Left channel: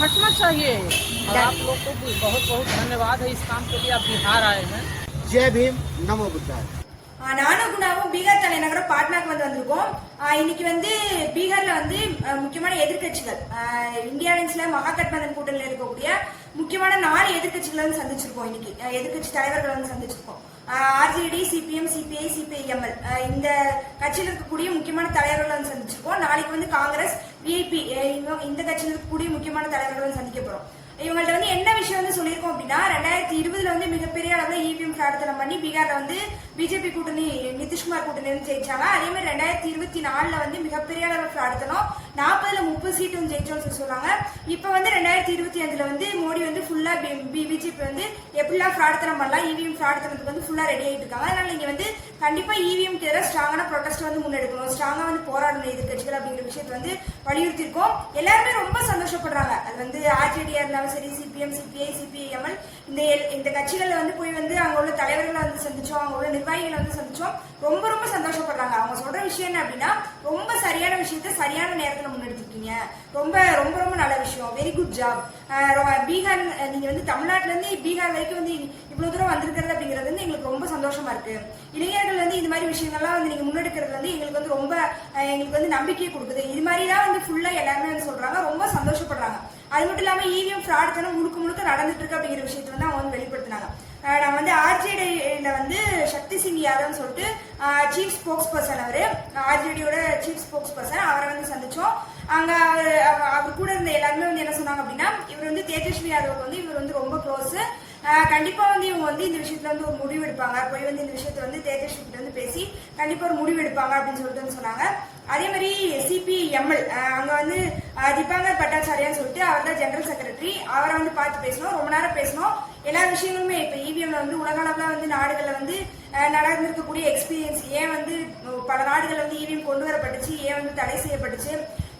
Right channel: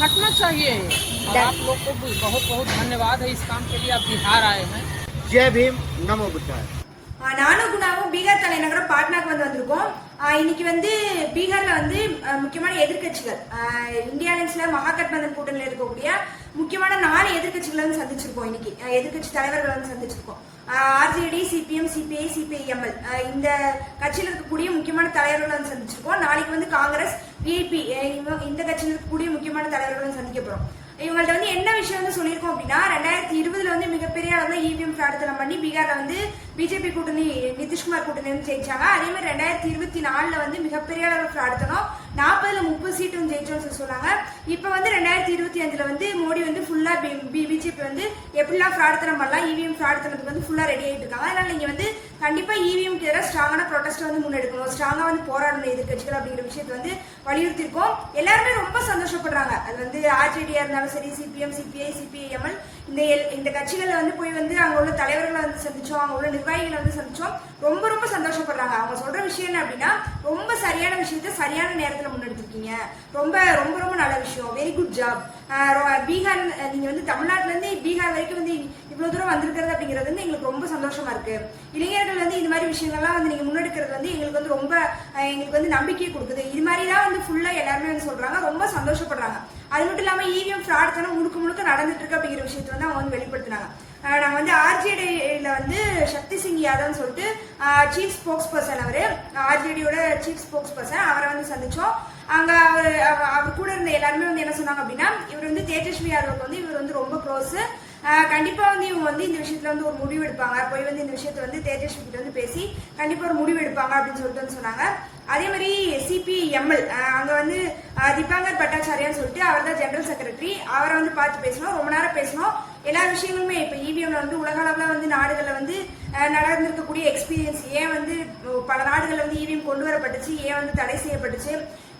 हटना चाहिए और आप लोग को भी बहुत बहुत धन्यवाद है इस काम के लिए आप बिहार आए हैं जय भीम नमो बुद्धाय ஆஹ் நானும் குணாவும் பீகார் தலைநகரம் பாட்னாக்கு வந்து வந்திருக்கோம் ஆஹ் இன்னைக்கு வந்து பீகார்ல வந்து ஆஹ் முக்கியமான எதிர்க்கட்சிகள் ஆஹ் இந்தியா அலைன்ஸ்ல மகாகட்பந்தன் கூட்டணியில் இருக்கக்கூடிய முக்கியமான நாலு எதிர்க்கட்சிகளை வந்து சந்திச்சிருக்கோம் இன்னைக்கு ஆஹ் எதிர்க்கட்சி தலைவர்களை வந்து சந்திச்சிருக்கோம் RJD CPM CPI CPI ML. இந்த கட்சியில் இருக்கக்கூடிய முக்கியமான தலைவர்களை வந்து சந்திச்சிருக்கோம். நாளைக்கு வந்து காங்கிரஸ் விஐபி இந்த கட்சியில் இருக்கக்கூடிய முக்கியமான தலைவர்களை வந்து சந்திக்க போறோம். இவங்கள்ட்ட வந்து என்ன விஷயம் வந்து சொல்லியிருக்கோம் அப்படின்னா ரெண்டாயிரத்தி இருபதுல வந்து மிகப்பெரிய அளவுல இவிஎம் பிரார்த்தனை பண்ணி பீகார்ல வந்து பிஜேபி கூட்டணி நிதிஷ்குமார் கூட்டணி வந்து ஜெயிச்சாங்க. அதே மாதிரி ரெண்டாயிரத்தி இருபத்தி நாலுல வந்து மிகப்பெரிய அளவு பிரார்த்தனம் நாற்பதுல முப்பது சீட்டு வந்து ஜெயிச்சோம்னு சொல்லி சொன்னாங்க. இப்ப வந்து ரெண்டாயிரத்தி இருபத்தி அஞ்சுல வந்து மோடி வந்து ஃபுல்லா பிஜேபி வந்து எப்படிலாம் பிரார்த்தனை பண்ணலாம் இவிஎம் பிரார்த்தனத்துக்கு வந்து ஃபுல்லா ரெடி ஆகிட்டு இருக்காங்க. அதனால நீங்க வந்து கண்டிப்பா இவிஎம் எதிராக ஸ்ட்ராங்கான ப்ரொடெஸ்ட் வந்து முன்னெடுக்கணும். ஸ்ட்ராங்கா வந்து போராடணும் எதிர்கட்சிகள் அப்படிங்கிற விஷயத்தை வந்து வலியுறுத்தி இருக்கோம் எல்லாருமே ரொம்ப சந்தோஷப்படுறாங்க. அது வந்து ஆர்ஜேடியா இருந்தாலும் சரி சிபிஎம் சிபிஐ சிபிஐஎம்எல் இந்த இந்த கட்சிகள்ல வந்து போய் வந்து அங்க உள்ள தலைவர்களை வந்து சந்திச்சோம். அங்க உள்ள நிர்வாகிகளை வந்து சந்திச்சோம். ரொம்ப ரொம்ப சந்தோஷப்படுறாங்க. அவங்க சொல்ற விஷயம் என்ன அப்படின்னா ரொம்ப சரியான விஷயத்த சரியான நேரத்துல முன்னெடுத்திருக்கீங்க. ரொம்ப ரொம்ப ரொம்ப நல்ல விஷயம். வெரி குட் ஜாப் பீகார் நீங்க வந்து தமிழ்நாட்டுல இருந்து பீகார் வரைக்கும் வந்து இவ்வளவு தூரம் வந்திருக்கிறது அப்படிங்கிறது வந்து எங்களுக்கு ரொம்ப சந்தோஷமா இருக்கு. இளைஞர்கள் வந்து இந்த மாதிரி விஷயங்கள்லாம் வந்து நீங்க முன்னெடுக்கிறது வந்து எங்களுக்கு வந்து ரொம்ப எங்களுக்கு வந்து நம்பிக்கையை கொடுக்குது. இது மாதிரிலாம் வந்து ஃபுல்லா எல்லாருமே வந்து சொல்றாங்க. ரொம்ப சந்தோஷப்படுறாங்க. அது மட்டும் இல்லாம இவிஎம் ஃப்ராட் தானே முழுக்க முழுக்க நடந்துட்டு இருக்கு அப்படிங்கிற விஷயத்தை வந்து அவங்க வந்து வெளிப்படுத்தினாங்க. நாங்க வந்து ஆர்ஜேடியில வந்து சக்தி சிங் யாதவ்னு சொல்லிட்டு சீஃப் ஸ்போக்ஸ் பர்சன் அவரு ஆர்ஜேடியோட சீஃப் ஸ்போக்ஸ் பர்சன் அவரை வந்து சந்திச்சோம். அங்க அவர் அவர் கூட இருந்த எல்லாருமே வந்து என்ன சொன்னாங்க அப்படின்னா இவர் வந்து தேஜஸ்வி யாதவுக்கு வந்து இவர் வந்து ரொம்ப க்ளோஸ் கண்டிப்பா வந்து இவங்க வந்து இந்த விஷயத்துல வந்து ஒரு முடிவு எடுப்பாங்க. போய் வந்து இந்த விஷயத்த வந்து தேஜஸ்வி கிட்ட வந்து பேசி கண்டிப்பா ஒரு முடிவு எடுப்பாங்க அப்படின்னு சொல்லிட்டு வந்து சொன்னாங்க. அதே மாதிரி சிபிஎம்எல் அங்க வந்து தீபாங்கர் பட்டாச்சாரியான்னு சொல்லிட்டு அவர் தான் ஜெனரல் செக்ரட்டரி அவரை வந்து பார்த்து பேசணும் ரொம்ப நேரம் பேசணும் எல்லா விஷயங்களுமே இப்ப இவிஎம்ல வந்து உலக அளவுல வந்து நாடுகள்ல வந்து நடந்திருக்கக்கூடிய எக்ஸ்பீரியன்ஸ் ஏன் வந்து பல நாடுகள்ல வந்து இவிஎம் கொண்டு வரப்பட்டுச்சு? ஏன் வந்து தடை செய்யப்பட்டுச்சு?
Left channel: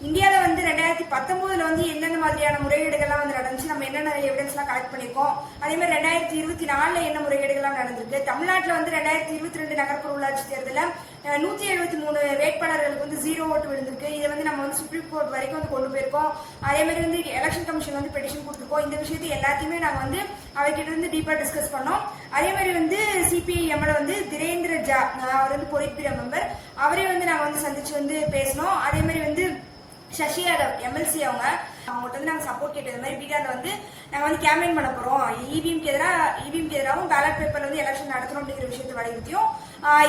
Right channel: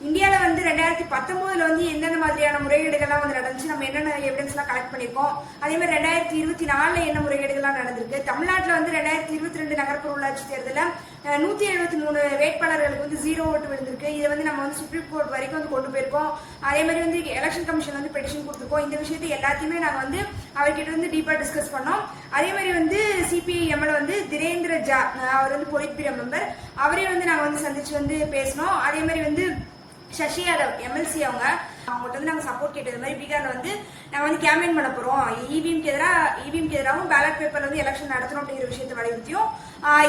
இந்தியாவில் வந்து ரெண்டாயிரத்தி பத்தொம்போதில் வந்து என்னென்ன மாதிரியான முறைகேடுகள்லாம் வந்து நடந்துச்சு? நம்ம என்னென்ன எவிடன்ஸ்லாம் கலெக்ட் பண்ணிருக்கோம் அதே மாதிரி ரெண்டாயிரத்தி இருபத்தி நாலில் என்ன முறைகேடுகள்லாம் நடந்திருக்கு? தமிழ்நாட்டில் வந்து ரெண்டாயிரத்தி இருபத்தி ரெண்டு நகர்ப்புற உள்ளாட்சி தேர்தலில் நூற்றி எழுபத்தி மூணு வேட்பாளர்களுக்கு வந்து ஜீரோ ஓட்டு விழுந்திருக்கு. இதை வந்து நம்ம வந்து சுப்ரீம் கோர்ட் வரைக்கும் வந்து கொண்டு போயிருக்கோம். அதே மாதிரி வந்து எலெக்ஷன் கமிஷன் வந்து பெட்டிஷன் கொடுத்துருக்கோம். இந்த விஷயத்தை எல்லாத்தையுமே நாங்கள் வந்து அவர்கிட்ட வந்து டீப்பாக டிஸ்கஸ் பண்ணோம். அதே மாதிரி வந்து சிபிஐ எம்எல்ஏ வந்து திரேந்திர ஜா அவர் வந்து பொலிட் மெம்பர். அவரே வந்து நாங்கள் வந்து சந்திச்சு வந்து பேசினோம். அதே மாதிரி வந்து சசி யாதவ் எம்எல்சி அவங்க அவங்ககிட்ட வந்து நாங்கள் சப்போர்ட் கேட்டது மாதிரி பீகார்ல வந்து நாங்கள் வந்து கேம்பெயின் பண்ண போறோம். இவிஎம்க்கு எதிராக இவிஎம்க்கு எதிராகவும் பேலட் பேப்பர்ல வந்து எலெக்ஷன் நடத்தணும் அப்படிங்கிற விஷயத்தை வலியுறுத்தியும்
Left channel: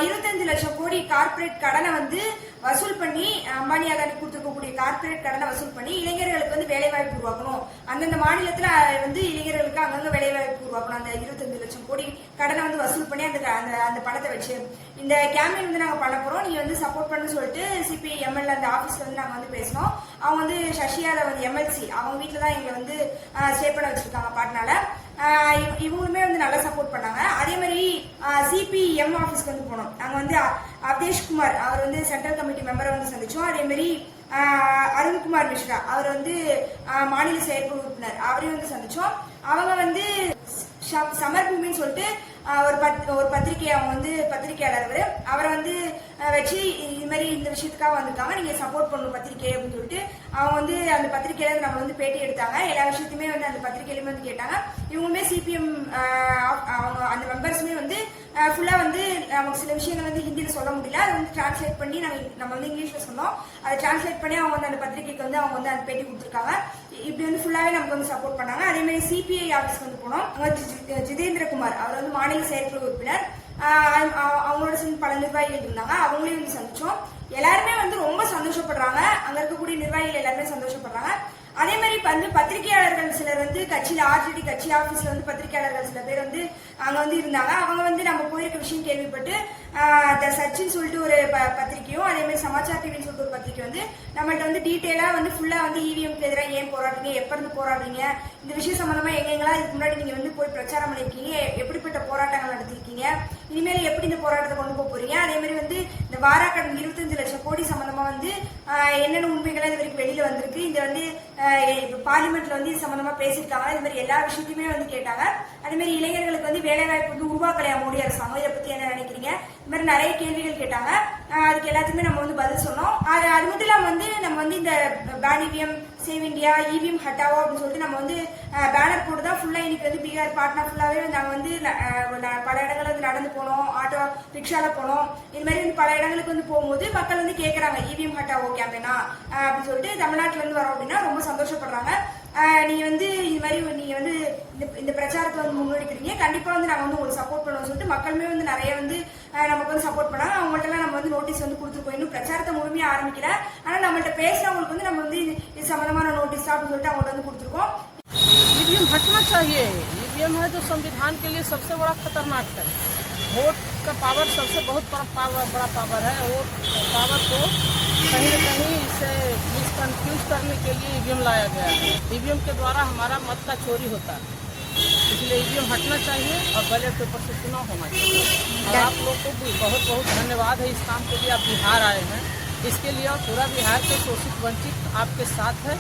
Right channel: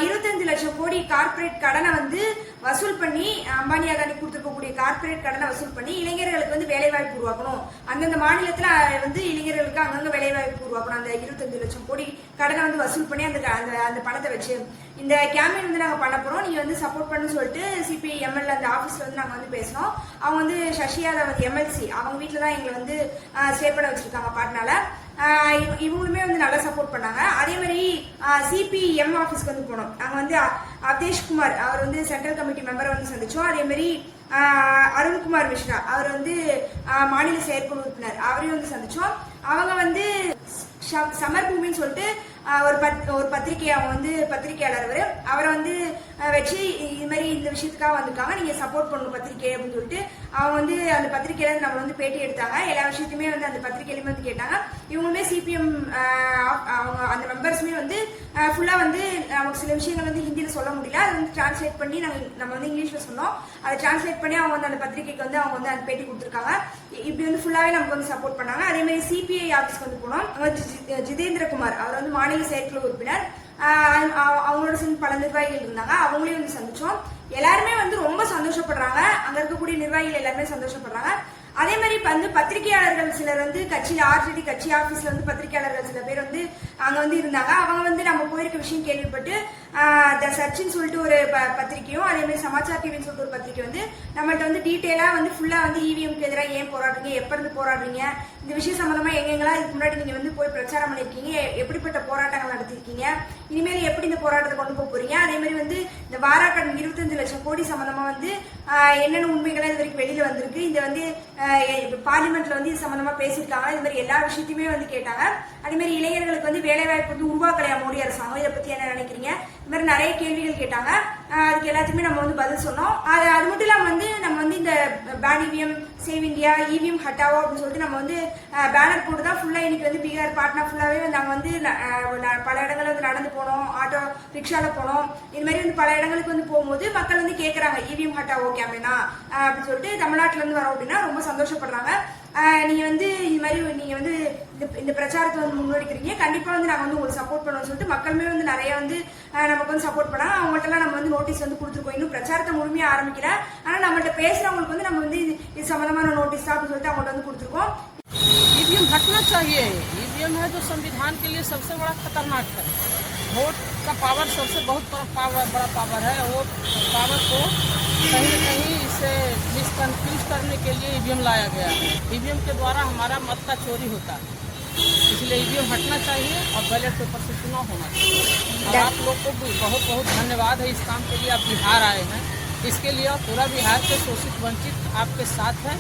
இருபத்தஞ்சு லட்சம் கோடி கார்ப்பரேட் கடனை வந்து வசூல் பண்ணி அம்பானி அதானி கொடுத்துருக்கக்கூடிய கார்ப்பரேட் கடனை வசூல் பண்ணி இளைஞர்களுக்கு வந்து வேலைவாய்ப்பு உருவாக்கணும். அந்தந்த மாநிலத்தில் வந்து இளைஞர்களுக்கு அங்கங்க வேலைவாய்ப்பு உருவாக்கணும். அந்த 25 லட்சம் கோடி கடனை வந்து வசூல் பண்ணி அந்த அந்த அந்த பணத்தை வச்சு. இந்த கேம்பெயின் வந்து நாங்கள் பண்ண போகிறோம் நீங்கள் வந்து சப்போர்ட் பண்ணு சொல்லிட்டு சிபிஐ எம்எல்ஏ அந்த ஆஃபீஸில் வந்து நாங்கள் வந்து பேசினோம் அவங்க வந்து சசி வந்து எம்எல்சி அவங்க வீட்டில் தான் எங்களை வந்து ஸ்டே பண்ண வச்சுருக்காங்க பாட்னால. இவங்களுமே வந்து நல்லா சப்போர்ட் பண்ணாங்க. அதே மாதிரி சிபிஎம் ஆஃபீஸ்க்கு வந்து போனோம். அங்கே வந்து அ- அவதேஷ்குமார் அவர் வந்து சென்ட்ரல் கமிட்டி மெம்பரை வந்து சந்திச்சோம். அதே மாதிரி அருண்குமார் மிஸ்ரா அவர் வந்து மாநில செயற்குழு உறுப்பினர் அவரையும் வந்து சந்திச்சோம். அவங்க வந்து சமர் பூமின்னு சொல்லிட்டு ஒரு பத் ஒரு பத்திரிகை அவங்க வந்து பத்திரிகையாளர் அவர் அவரை வந்து வச்சு இது மாதிரி இந்த விஷயத்துக்காக வந்திருக்காங்க. நீங்கள் சப்போர்ட் பண்ணணும் பத்திரிகை அப்படின்னு சொல்லிட்டு அவங்க வந்து அந்த பத்திரிகையில நம்ம வந்து பேட்டி எடுத்தாங்க. எல்லா விஷயத்தையுமே வந்து அந்த பத்திரிகையிலுமே வந்து கேட்டாங்க. இவங்களுமே சிபிஎம் அவங்க அந்த மெம்பர்ஸுமே வந்து ஃபுல்லாக வந்து நமக்கு சில விஷயங்கள் வந்து ஹிந்தியில் சொல்ல முடியல. அதை வந்து டிரான்ஸ்லேட் பண்ணி நாங்கள் நம்ம வந்து இங்கிலீஷில் சொன்னோம். அதை டிரான்ஸ்லேட் பண்ணி அவங்க வந்து அந்த பத்திரிகைக்கு வந்து அவங்க வந்து அந்த பேட்டி கொடுத்துருக்காங்க. இப்படி வந்து ஃபுல்லாகவே நமக்கு வந்து சப்போர்ட் பண்ணாங்க. அதேமாதிரி சிபிஐ ஆஃபீஸ்க்கு வந்து போனோம். அவங்க ஜி- ஜிதேந்திரகுமார். அவர் வந்து மாநில செயற்குழு உறுப்பினர் ஆஹ் அவங்களோட சேர்ந்து பல நிர்வாகிகள் இருந்தாங்க. அவங்களையும் வந்து சந்திச்சோம். எல்லாருமே வந்து ரொம்ப சந்தோஷப்படுறாங்க. அங்க இருக்கக்கூடிய நிர்வாகிகள் எல்லாருமே சந்தோஷப்படுறாங்க. அதே மாதிரி இப்ப வந்து பத்திரிகையாளர்கள் சிலர் வந்து கட்சியில ஆர்ஜிடி கட்சி ஆபீஸ்ல வந்து பத்திரிகையாளர்கள் சில பேர் வந்து அங்க வந்து இருந்தாங்க. அவங்க வந்து நம்ம போயிருக்க விஷயம் கேள்விப்பட்டு த சச்சின்னு சொல்லிட்டு ஒரு ப- பத்திரிக்கையும் அதே மாதிரி சமாச்சார் டிவின்னு சொல்லிட்டு ஒரு பத்திரிக்கை வந்து நம்மள்ட்ட வந்து டீட்டெயிலா வந்து ஃபுல்லா வந்து இவிஎம்க்கு எதிராக ஏன் போராடுறீங்க? எப்ப இருந்து போராடுறீங்க? இந்த விஷயம் சம்பந்தமா எங்கெங்கெல்லாம் இதுக்கு முன்னாடி நீங்க வந்து போய் பிரச்சாரம் பண்ணிருக்கீங்க? எப்படிப்பட்ட போராட்டங்கள் நடத்திருக்கீங்க? இனிமேல் எப்படி இந்த போராட்டத்தை கொண்டு போக போறீங்க? அதே மாதிரி வந்து இந்த வாராக்கடன் இருபத்தஞ்சு லட்சம் கோடி சம்பந்தமா வந்து என்னென்ன உண்மைகள்லாம் இது வரைக்கும் வெளியில வந்திருக்கு? இந்த வந்து இப்போ பார்லிமெண்ட்ல வந்து இது சம்பந்தமா பேசியிருக்காங்க. இது மாதிரி எல்லா விஷயத்தையுமே வந்து கேட்டாங்க. அதே மாதிரி இளைஞர்களுக்கு வந்து வேலை வாய்ப்பு வந்து உருவாக்கலையா மோடி அரசாங்கம்? இதை பத்தி என்ன நினைக்கிறீங்க? இது மாதிரி நிறைய கேள்விகள் கேட்டாங்க. அதுக்கு எல்லாத்துக்குமே நம்ம வந்து பதில் சொன்னோம். அது அது மட்டும் இல்லாமல் வந்து நம்ம வந்து இந்த ban EVM save India EVM ஹட்டாவோ அப்படின்னு சொல்லிட்டு நம்ம வந்து பேனர் போட்டு தான் ஃபுல்லாக இன்னைக்கு வந்து பீகார் பாட்னா ஃபுல்லாகவே நாங்கள் வந்து பல இடங்களில் வந்து நடந்து போனோம். ஆட்டோ ரிக்ஷாவில் போனோம். இது மாதிரி வந்து பல இடங்களுக்கு வந்து போகும்போது மக்கள் வந்து கேட்குறாங்க இவிஎம் ஹட்டாவோ கேம்பேனா அப்படின்னு சொல்லிட்டு தமிழ்நாட்டில் இருந்து வரோம் அப்படின்னா ரொம்ப சந்தோஷப்படுறாங்க. ஆஹ் நீங்க வந்து இது மாதிரி நீங்க வந்து இந்த இந்த பிரச்சாரத்தை வந்து முன்னெடுக்கிறீங்க கண்டிப்பா வந்து நாங்க வந்து உங்களுக்கு சப்போர்ட் பண்ணுவோம் சொல்லிட்டு மக்களுமே வந்து நிறைய வந்து ஆஹ் நமக்கு வந்து சப்போர்ட் பண்ணாங்க அவங்கள்ட்ட நம்ம வந்து நோட்டீஸ் வந்து கொடுத்துருக்கோம் இன்னும் பிரச்சாரத்தை முழுமையா ஆரம்பிக்கல ஆனா நம்மள்ட்ட பேசுறவங்களுக்கு வந்து நம்ம வந்து இது இது சம்பந்தமான நோட்டீஸ் தான் அப்படின்னு சொல்லிட்டு அவங்கள்ட்ட வந்து கொடுத்துருக்கோம் ईवीएम हटना चाहिए ईवीएम है जो संविधान के लिए सबसे बड़ा खतरनाक है वोट का पावर सबसे बहुत बड़ा पावर बड़ा पावर है वो पावर को कहीं न कहीं इसे मिसकन्फ्यूज करने के लिए ईवीएम लाया गया है। ईवीएम के द्वारा हमारा मत का चोरी होता है। इसलिए ईवीएम हटना चाहिए और बैलेट पेपर से चुनाव होना चाहिए। और आप लोग को बहुत बहुत धन्यवाद है इस काम के लिए आप बिहार आए हैं। इसके लिए पूरा बिहार के शोषित, वंचित आपके साथ है।